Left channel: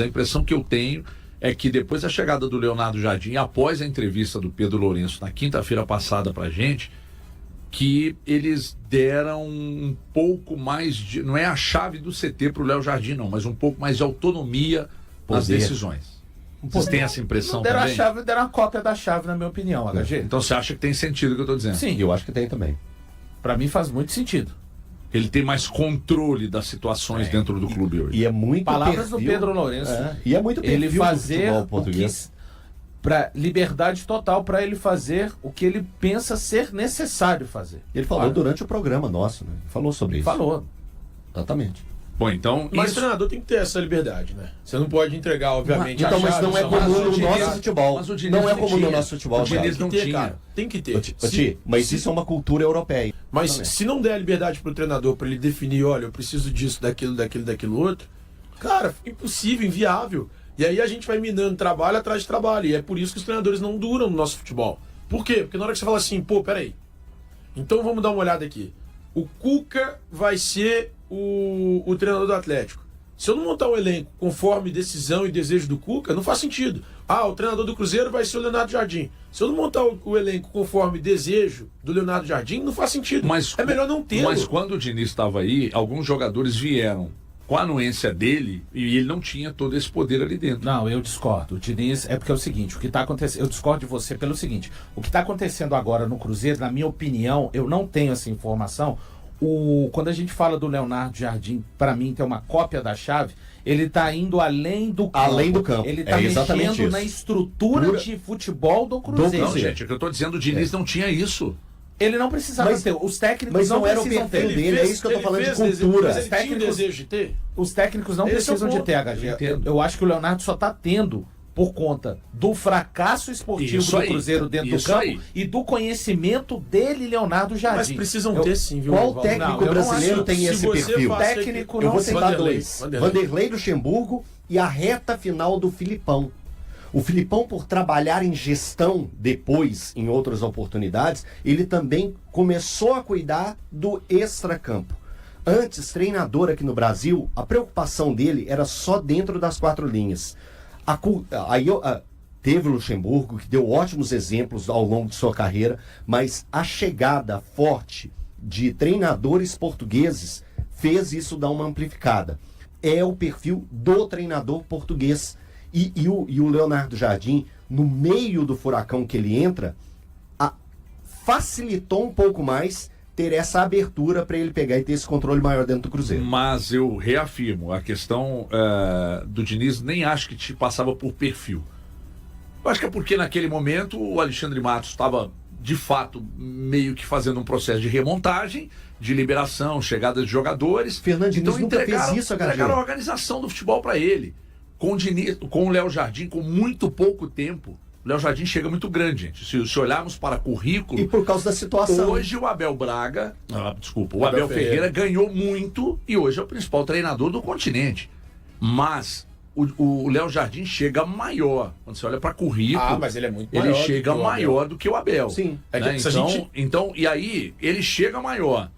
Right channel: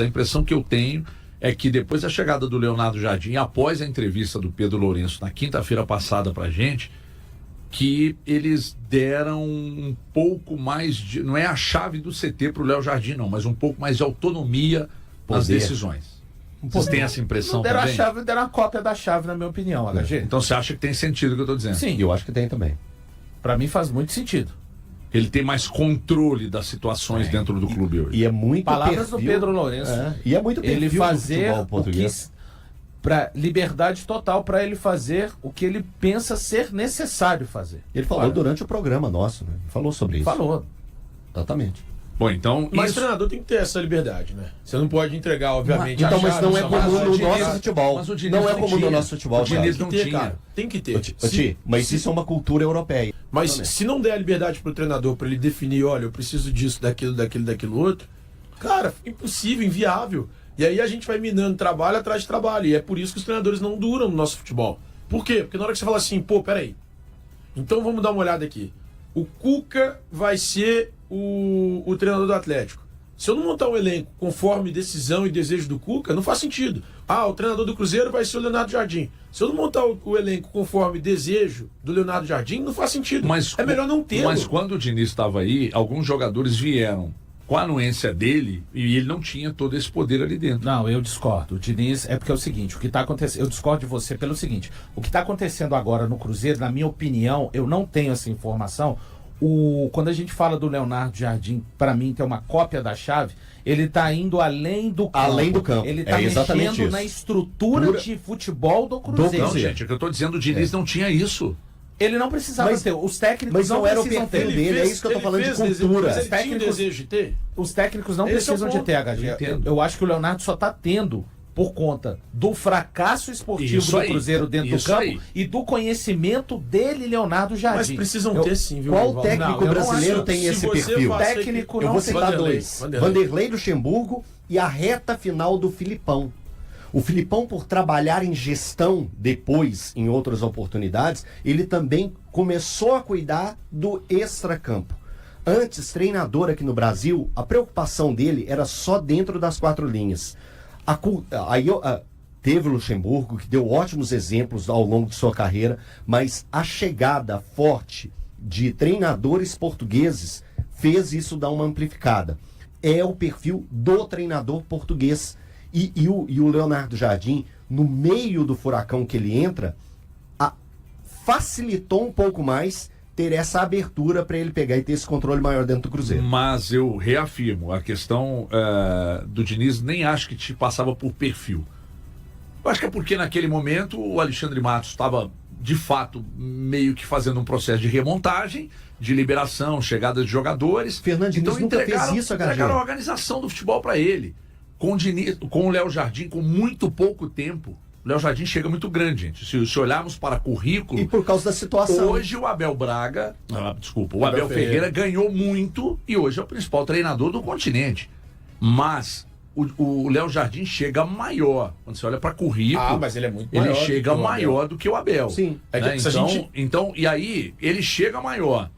A impressão que eu tenho é que depois da chegada do Leonardo Jardim, após a entrevista do Pedro Lourenço na quinta-feira passada pra gente, que eles deram um pouco mais de, não é a chave do CT pro Léo Jardim não, mas um pouco mais de autonomia nas decisões. Vocês têm essa impressão não deram também? A chave, deram a cópia da chave, na minha opinião, HG. Então você acha que tem sentido o que eu tô dizendo? Sim. Eu acho que tem também. Pra mim faz muito sentido. Ele tem mais controle das situações dentro do clube hoje. E é muito Palavras do perfil, Pedro Lourenço. E é muito perfil Ele do fazer futebol o que português. para liberdade total para ele fazer o que ele pensa ser necessário fazer. Ele falou durante o programa nosso, né? Falou sobre isso. Falou. Exatamente. Bom, então Mas o isso... treinador tem que ter essa liberdade, né? Você não pode entregar, obviamente, Então, a mas chave, não é só comum mais no o nosso Diniz. futebol. Mas o Diniz Não é não comum no tinha. nosso futebol. O Diniz Thiago. não Tem que ter, tinha. cara. Tem que ter. Mas isso é uma cultura europeia. Mas se não der a liberdade pro treinador para ele definir, olha, eu preciso disso, daquilo outro, cara, fica impossível, inviável. E aí a gente vai minando trabalho atrás de trabalho. E é por isso que os treinadores não duram no nosso futebol. Por quê? Porque na hora que você fala assim, pô, peraí. Então vamos dar uma olhada aqui. O Cuca vai ser o treinador do Atlético. Se eu não montar um elenco conforme decisão e desejo do Cuca, não faz sentido. Ah, o treinador do Cruzeiro vai ser o Leonardo Jardim. Se eu não montar o elenco conforme desejo do Leonardo Jardim, não faz sentido. Mas, é melhor não ter. Mas quando o Diniz estava aí, alguns jogadores vieram com a anuência dele e ele não tinha todo esse poder ali dentro. Não, eu discordo. O Diniz, é porque é o seguinte, o que está acontecendo, eu discordo de você pelo seguinte, o que está acontecendo agora no Cruzeiro, na minha opinião, eu não tenho essa informação. Quando a gente fala do Leonardo Jardim, para mim tem uma cópia da chave, ele está indo além do campo. Além do campo. Ele está mexendo na estrutura de futebol do Cruzeiro. Não, gente, é que eu estou dizendo, o Diniz não tinha isso. Ele não precisava ter. Os técnicos não era o precisam perfil ter. dele, é isso que eu tô falando de cultura. Mas ele tinha o desejo de ter? Os técnicos não Esse é o precisam de ponto. ter, HG. Eu acho que o Leonardo só está tendo por conta do fracasso esportivo Isso do aí, Cruzeiro dentro do isso campo aí. e do conhecimento dele, Leonardo Jardim. Mas precisam ter sim, viu? Qual Valdo? técnico Não, eu não brasileiro acho. tem Se esse você perfil? faz- Técnico Eu não vou tem. citar Vanderlei, dois. Vanderlei. Vanderlei Luxemburgo e a reta final do Filipão. O Filipão, por trabalhar em gestão depois, em outras oportunidades, ele também começou a cuidar do extracampo. Antes, treinador aqui no Brasil, a preocupação dele era só dentro das quatro linhas. Teve o Luxemburgo, que deu ótimos exemplos ao longo de sua carreira, mas a chegada forte de treinadores portugueses fez isso dar uma amplificada. É o perfil do treinador português. E o Leonardo Jardim, no meio do furacão que ele entra, facilitou um pouco mais ter essa abertura para ele pegar e ter esse controle maior dentro do Cruzeiro. Mas eu reafirmo, a questão do Diniz nem acho que te passava por perfil. Eu acho que é porque naquele momento o Alexandre Matos estava, de fato, meio que fazendo um processo de remontagem, de liberação, chegada de jogadores. Fernando Diniz nunca fez isso, entregaram a organização do futebol para ele. Com o Léo Jardim, com muito pouco tempo, o Léo Jardim chega muito grande, gente. Se olharmos para currículo... E por causa da situação. Hoje o Abel o Abel Ferreira ganhou muito e hoje é o principal treinador do continente. Mas o Léo Jardim chega maior. Quando você olha para currículo, mas ele é muito maior. ele chega maior do que o Abel. Sim. Né? Então, e aí, ele chega maior.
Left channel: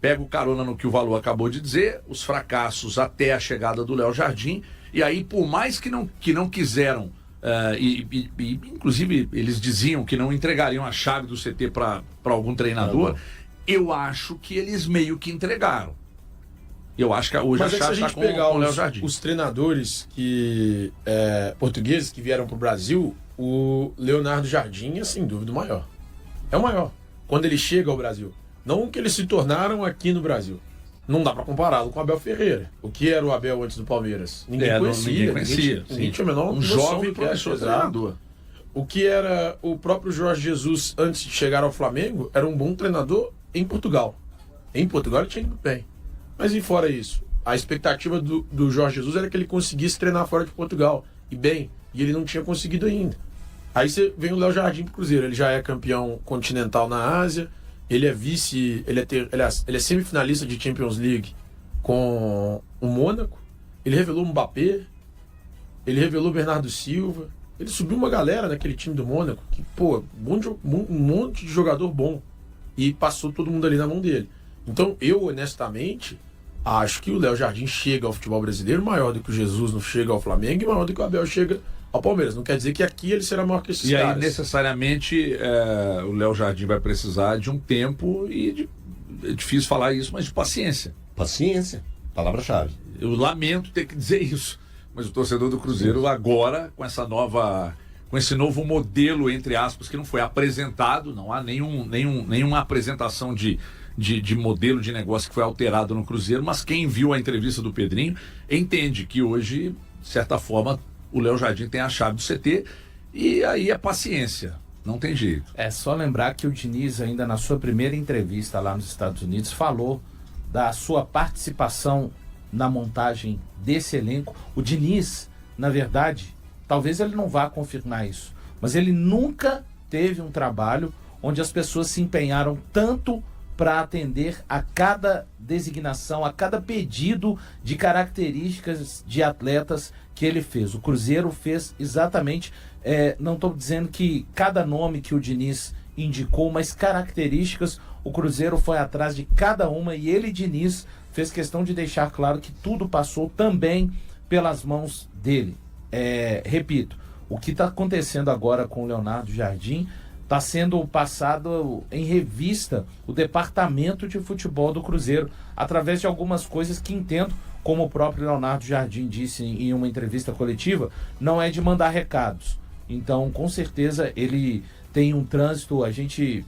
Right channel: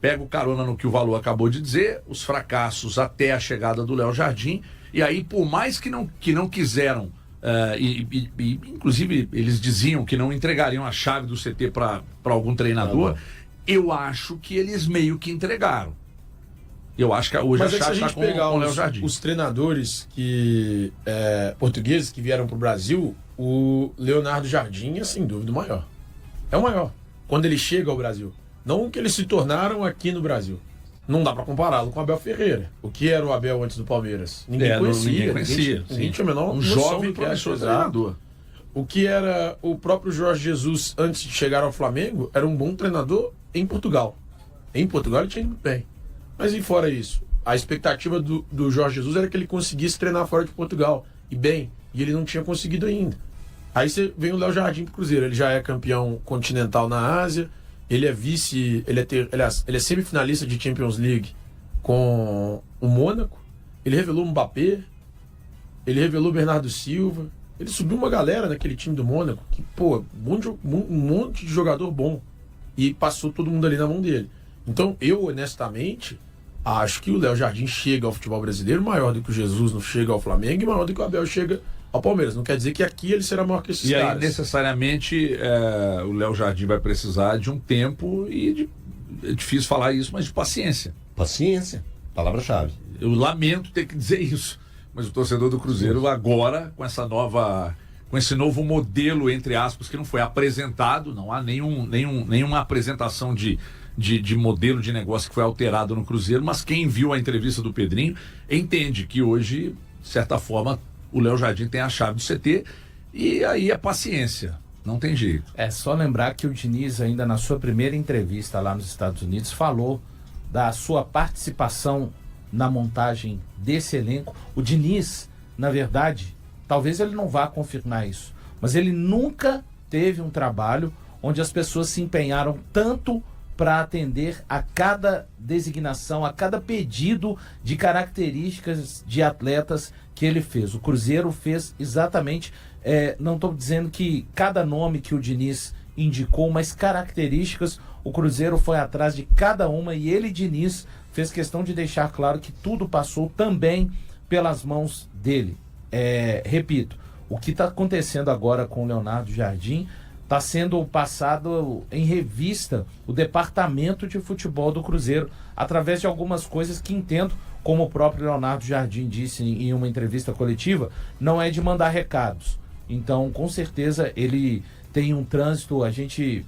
Pega o carona no que o Valor acabou de dizer, os fracassos até a chegada do Léo Jardim. E aí, por mais que não quiseram, inclusive eles diziam que não entregariam a chave do CT para algum treinador, eu acho que eles meio que entregaram. Eu acho que hoje Mas a chave se a está gente com pegar o Léo Jardim. os treinadores portugueses que vieram para o Brasil, o Leonardo Jardim é sem dúvida o maior. É o maior. Quando ele chega ao Brasil. Não o que eles se tornaram aqui no Brasil. Não dá para compará-lo com o Abel Ferreira. O que era o Abel antes do Palmeiras? Ninguém conhecia. Ninguém tinha a menor um noção jovem do que era professor treinador. O que era o próprio Jorge Jesus antes de chegar ao Flamengo era um bom treinador em Portugal. Em Portugal ele tinha ido muito bem. Mas e fora isso? A expectativa do Jorge Jesus era que ele conseguisse treinar fora de Portugal. E bem, e ele não tinha conseguido ainda. Aí você vem o Léo Jardim pro Cruzeiro. Ele já é campeão continental na Ásia. Ele é vice, ele é semifinalista de Champions League com o Mônaco. Ele revelou o Mbappé, ele revelou o Bernardo Silva. Ele subiu uma galera naquele time do Mônaco que, um monte de jogador bom. E passou todo mundo ali na mão dele. Então, eu, honestamente, Acho que o Léo Jardim chega ao futebol brasileiro maior do que o Jesus não chega ao Flamengo e maior do que o Abel chega ao Palmeiras. Não quer dizer que aqui ele será maior que esses E caras. aí, necessariamente, o Léo Jardim vai precisar de um tempo é difícil falar isso, mas de paciência. Paciência, palavra-chave. Eu lamento ter que dizer isso, mas o torcedor do Cruzeiro agora, com esse novo modelo, entre aspas, que não foi apresentado, não há nenhuma apresentação de modelo de negócio que foi alterado no Cruzeiro, mas quem viu a entrevista do Pedrinho entende que hoje, de certa forma, o Léo Jardim tem a chave do CT e aí é paciência, não tem jeito. É só lembrar que o Diniz, ainda na sua primeira entrevista lá nos Estados Unidos, falou da sua participação na montagem desse elenco. O Diniz, na verdade, talvez ele não vá confirmar isso, mas ele nunca teve um trabalho onde as pessoas se empenharam tanto para atender a cada designação, a cada pedido de características de atletas que ele fez. O Cruzeiro fez exatamente, não estou dizendo que cada nome que o Diniz indicou, mas características, o Cruzeiro foi atrás de cada uma e ele, Diniz, fez questão de deixar claro que tudo passou também pelas mãos dele. Repito, o que está acontecendo agora com o Leonardo Jardim está sendo passado em revista o departamento de futebol do Cruzeiro, através de algumas coisas que entendo, como o próprio Leonardo Jardim disse em uma entrevista coletiva, não é de mandar recados. Então, com certeza, ele tem um trânsito, a gente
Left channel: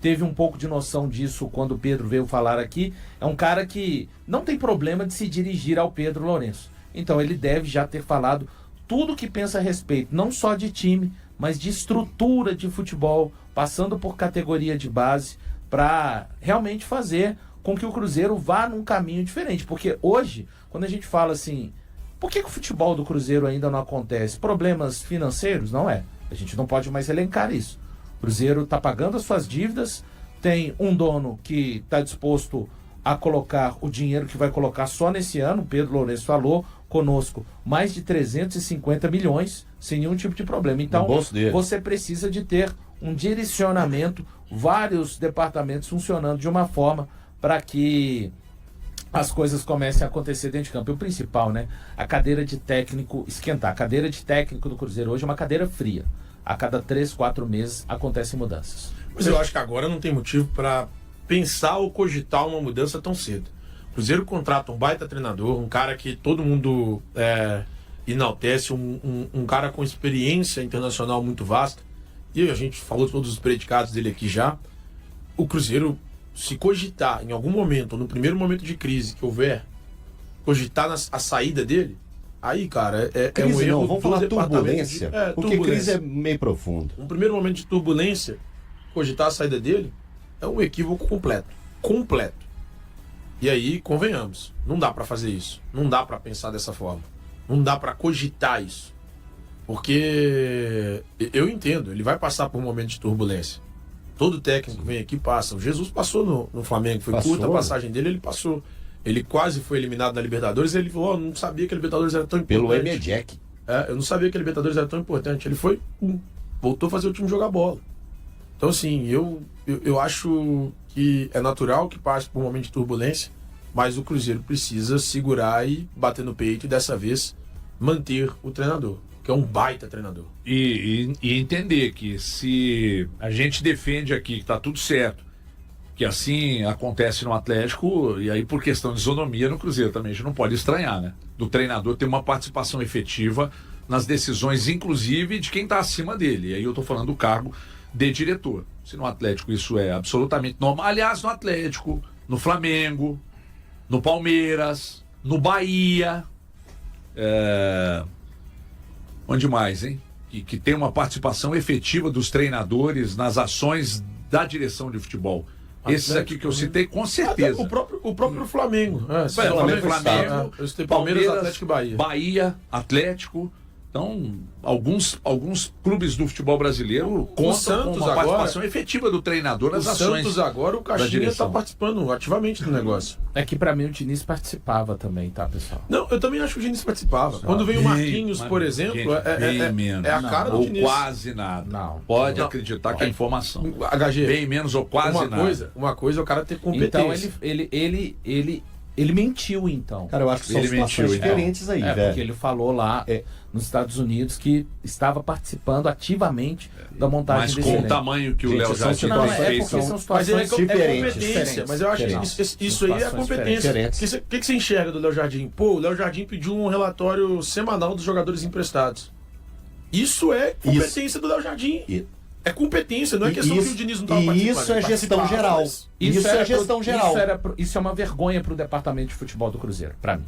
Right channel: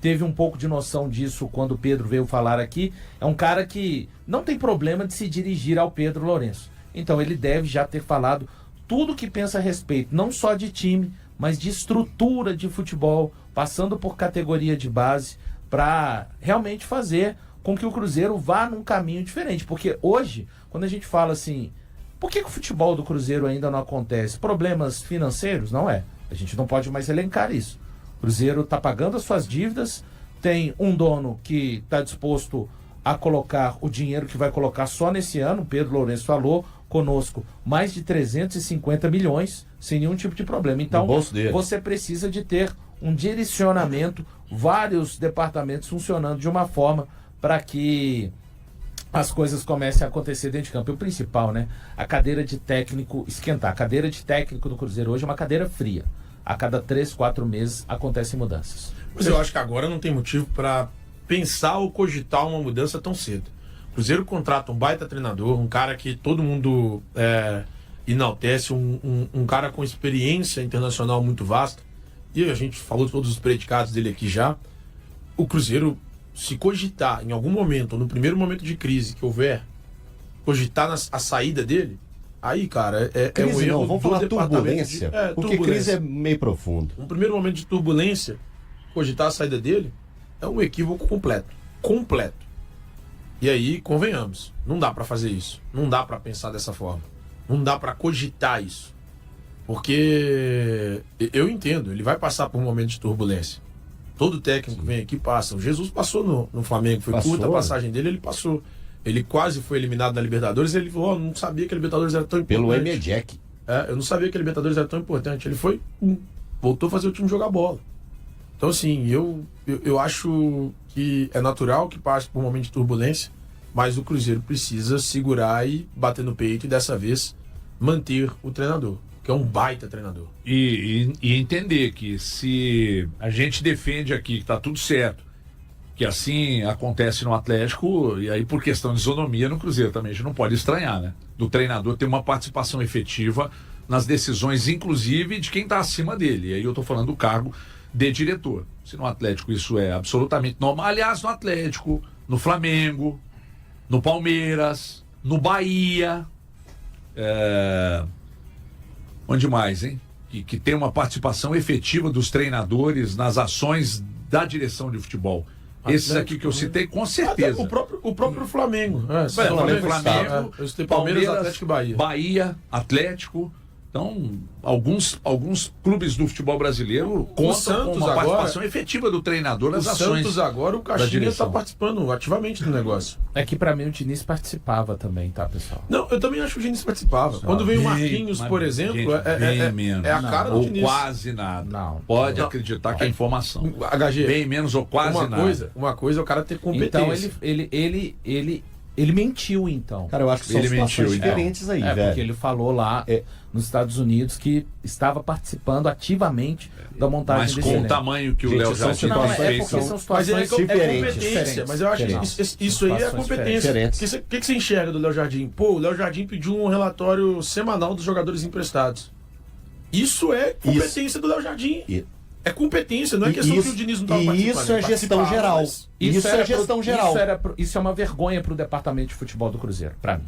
teve um pouco de noção disso quando o Pedro veio falar aqui. É um cara que não tem problema de se dirigir ao Pedro Lourenço. Então, ele deve já ter falado tudo que pensa a respeito, não só de time, mas de estrutura de futebol, passando por categoria de base, para realmente fazer com que o Cruzeiro vá num caminho diferente. Porque hoje, quando a gente fala assim, por que o futebol do Cruzeiro ainda não acontece? Problemas financeiros? Não é. A gente não pode mais elencar isso. O Cruzeiro está pagando as suas dívidas, tem um dono que está disposto a colocar o dinheiro que vai colocar só nesse ano, o Pedro Lourenço falou conosco, mais de 350 milhões, sem nenhum tipo de problema. Então, você precisa de ter um direcionamento, vários departamentos funcionando de uma forma para que as coisas comecem a acontecer dentro de campo. E o principal, né? A cadeira de técnico esquentar. A cadeira de técnico do Cruzeiro hoje é uma cadeira fria. A cada 3, 4 meses acontecem mudanças. Mas eu acho que agora não tem motivo para pensar ou cogitar uma mudança tão cedo. O Cruzeiro contrata um baita treinador, um cara que todo mundo enaltece, um cara com experiência internacional muito vasta. E a gente falou todos os predicados dele aqui já. O Cruzeiro, se cogitar em algum momento, ou no primeiro momento de crise que houver, cogitar a saída dele, aí, cara, é um erro. Vamos falar turbulência, porque crise é meio profundo. Um primeiro momento de turbulência, cogitar a saída dele, é um equívoco completo. E aí, convenhamos, não dá pra fazer isso. Não dá pra pensar dessa forma. Não dá pra cogitar isso. Porque eu entendo, ele vai passar por um momento de turbulência. Todo técnico vem aqui e passa. O Jesus passou no Flamengo, foi curta a passagem dele, ele passou. Ele quase foi eliminado da Libertadores, ele falou, não sabia que a Libertadores era tão importante. Pelo Emelec. Eu não sabia que a Libertadores era tão importante. Ele foi, voltou a fazer o time jogar bola. Então, assim, eu acho que é natural que passe por um momento de turbulência, mas o Cruzeiro precisa segurar e bater no peito e, dessa vez, manter o treinador, que é um baita treinador. E entender que se a gente defende aqui que tá tudo certo, que assim acontece no Atlético, e aí por questão de isonomia no Cruzeiro também, a gente não pode estranhar, né? Do treinador ter uma participação efetiva nas decisões, inclusive de quem tá acima dele. E aí eu tô falando do cargo de diretor. Se no Atlético isso é absolutamente normal, aliás, no Atlético, no Flamengo, no Palmeiras, no Bahia, onde mais, hein? Que tem uma participação efetiva dos treinadores nas ações da direção de futebol. Esses aqui que eu citei, com certeza. O próprio Flamengo. Flamengo, eu citei Palmeiras, Atlético e Bahia. Bahia, Atlético. Então, alguns clubes do futebol brasileiro contam com uma participação efetiva do treinador nas ações. O Santos agora, o Caixinha está participando ativamente do negócio. É que pra mim o Diniz participava também, tá, pessoal? Não, eu também acho que o Diniz participava. Quando veio o Marquinhos, por exemplo, é a cara do Diniz. Ou quase nada. Pode acreditar que é informação. HG, bem menos ou quase nada. Uma coisa é o cara ter competência. Então ele Ele mentiu, então. Cara, eu acho que são Ele situações mentiu, então. diferentes aí, Porque velho. ele falou lá nos Estados Unidos que estava participando ativamente da montagem Mas desse com o elenco. tamanho que o Gente, Léo são Jardim Não, situações é fez. porque são são- Mas ele situações é diferentes, competência, mas eu acho que diferentes. isso aí é Situações competência. diferentes. O que você enxerga do Léo Jardim? Pô, o Léo Jardim pediu um relatório semanal dos jogadores emprestados. Isso é competência do Léo Jardim. E- É competência, não é questão que o Diniz não estava e participando. isso é ele gestão participava, geral. mas- Isso é gestão geral. Isso é uma vergonha para o departamento de futebol do Cruzeiro, para mim.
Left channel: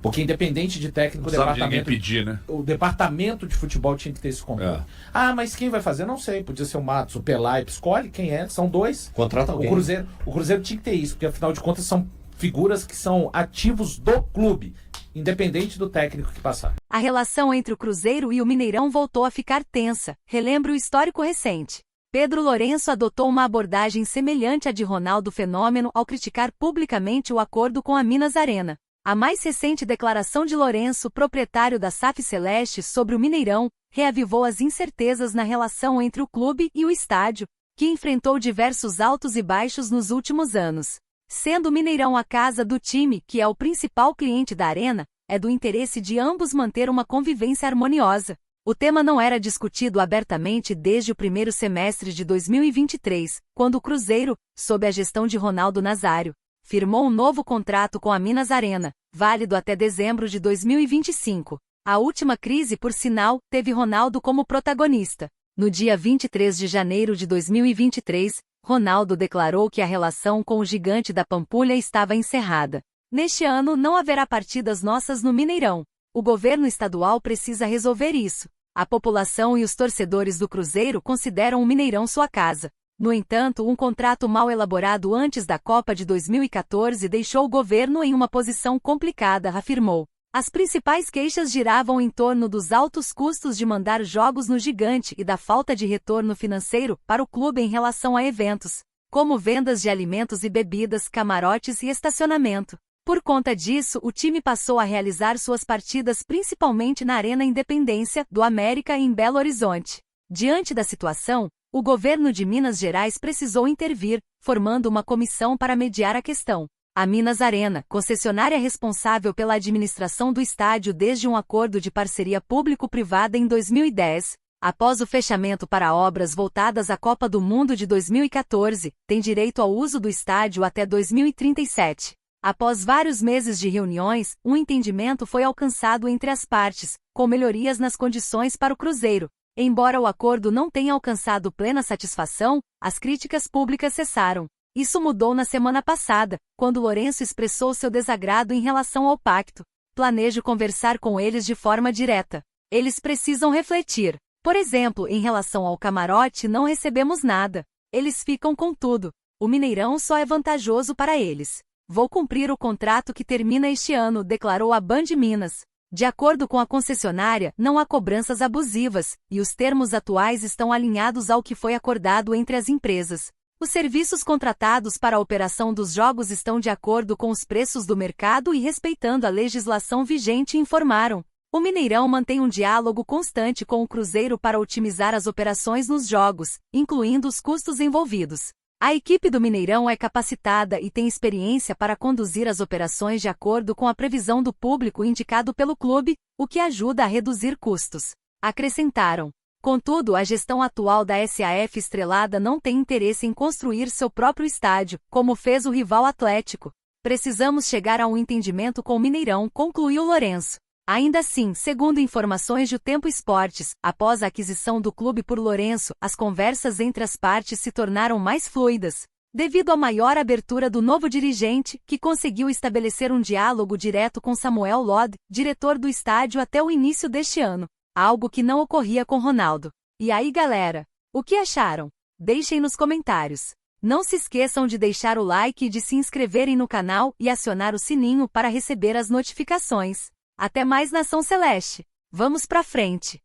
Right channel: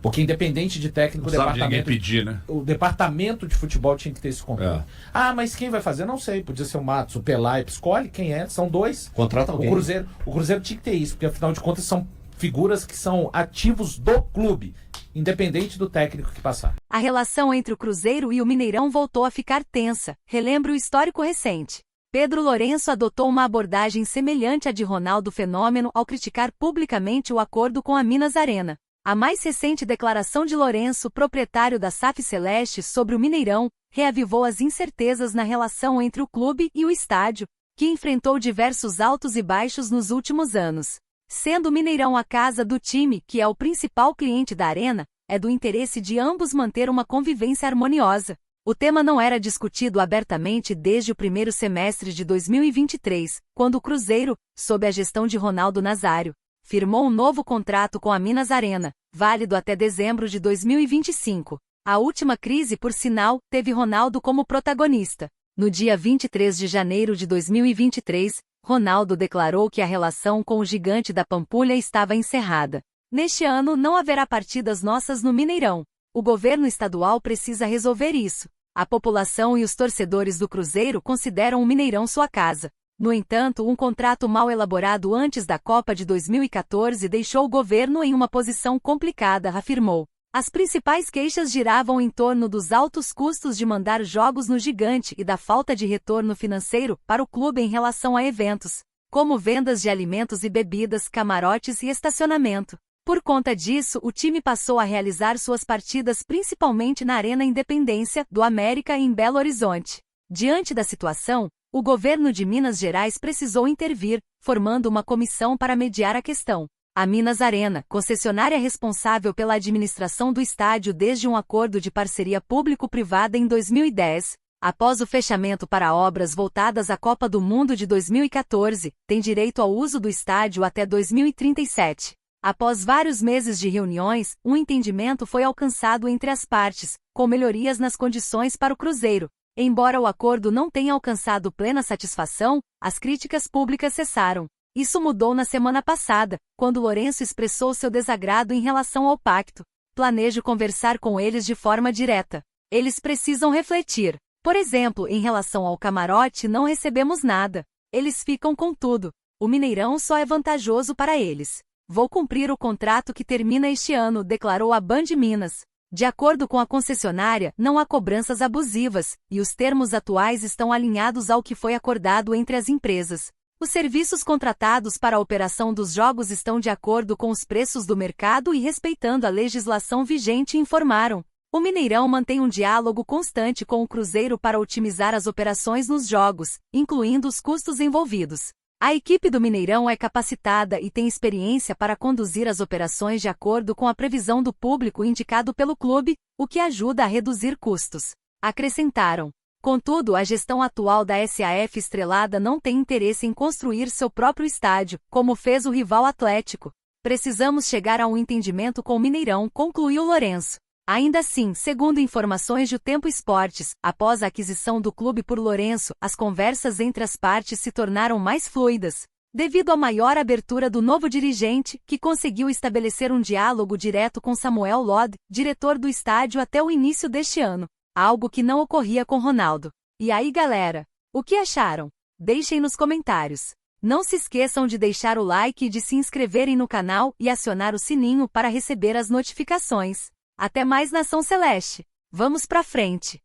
Porque independente de técnico, Não sabe de ninguém departamento, pedir, né? o departamento de futebol tinha que ter esse controle. É. Ah, mas quem vai fazer? Não sei. Podia ser o Matos, o Pelaipe. Escolhe quem é. São dois. Contrata alguém. O Cruzeiro tinha que ter isso, porque afinal de contas são figuras que são ativos do clube, independente do técnico que passar. A relação entre o Cruzeiro e o Mineirão voltou a ficar tensa. Relembre o histórico recente. Pedro Lourenço adotou uma abordagem semelhante à de Ronaldo Fenômeno ao criticar publicamente o acordo com a Minas Arena. A mais recente declaração de Lourenço, proprietário da SAF Celeste, sobre o Mineirão, reavivou as incertezas na relação entre o clube e o estádio, que enfrentou diversos altos e baixos nos últimos anos. Sendo o Mineirão a casa do time, que é o principal cliente da arena, é do interesse de ambos manter uma convivência harmoniosa. O tema não era discutido abertamente desde o primeiro semestre de 2023, quando o Cruzeiro, sob a gestão de Ronaldo Nazário, firmou um novo contrato com a Minas Arena, válido até dezembro de 2025. A última crise, por sinal, teve Ronaldo como protagonista. No dia 23 de janeiro de 2023, Ronaldo declarou que a relação com o gigante da Pampulha estava encerrada. Neste ano não haverá partidas nossas no Mineirão. O governo estadual precisa resolver isso. A população e os torcedores do Cruzeiro consideram o Mineirão sua casa. No entanto, um contrato mal elaborado antes da Copa de 2014 deixou o governo em uma posição complicada, afirmou. As principais queixas giravam em torno dos altos custos de mandar jogos no gigante e da falta de retorno financeiro para o clube em relação a eventos, como vendas de alimentos e bebidas, camarotes e estacionamento. Por conta disso, o time passou a realizar suas partidas principalmente na Arena Independência, do América em Belo Horizonte. Diante da situação, o governo de Minas Gerais precisou intervir, formando uma comissão para mediar a questão. A Minas Arena, concessionária responsável pela administração do estádio desde um acordo de parceria público-privada em 2010, após o fechamento para obras voltadas à Copa do Mundo de 2014, tem direito ao uso do estádio até 2037. Após vários meses de reuniões, um entendimento foi alcançado entre as partes, com melhorias nas condições para o Cruzeiro. Embora o acordo não tenha alcançado plena satisfação, as críticas públicas cessaram. Isso mudou na semana passada, quando Lourenço expressou seu desagrado em relação ao pacto. Planejo conversar com eles de forma direta. Eles precisam refletir. Por exemplo, em relação ao camarote, não recebemos nada. Eles ficam com tudo. O Mineirão só é vantajoso para eles. Vou cumprir o contrato que termina este ano, declarou a Band Minas. De acordo com a concessionária, não há cobranças abusivas, e os termos atuais estão alinhados ao que foi acordado entre as empresas. Os serviços contratados para a operação dos jogos estão de acordo com os preços do mercado e respeitando a legislação vigente, informaram. O Mineirão mantém um diálogo constante com o Cruzeiro para otimizar as operações nos jogos, incluindo os custos envolvidos. A equipe do Mineirão é capacitada e tem experiência para conduzir as operações de acordo com a previsão do público indicado pelo clube, o que ajuda a reduzir custos. Acrescentaram. Contudo, a gestão atual da SAF Estrelada não tem interesse em construir seu próprio estádio, como fez o rival Atlético. Precisamos chegar a um entendimento com o Mineirão, concluiu Lourenço. Ainda assim, segundo informações do Tempo Esportes, após a aquisição do clube por Lourenço, as conversas entre as partes se tornaram mais fluidas, devido à maior abertura do novo dirigente, que conseguiu estabelecer um diálogo direto com Samuel Lod, diretor do estádio até o início deste ano, algo que não ocorria com Ronaldo. E aí, galera? O que acharam? Deixem nos comentários. Não se esqueçam de deixar o like e de se inscreverem no canal e acionar o sininho para receber as notificações. Até mais, Nação Celeste! Vamos pra frente!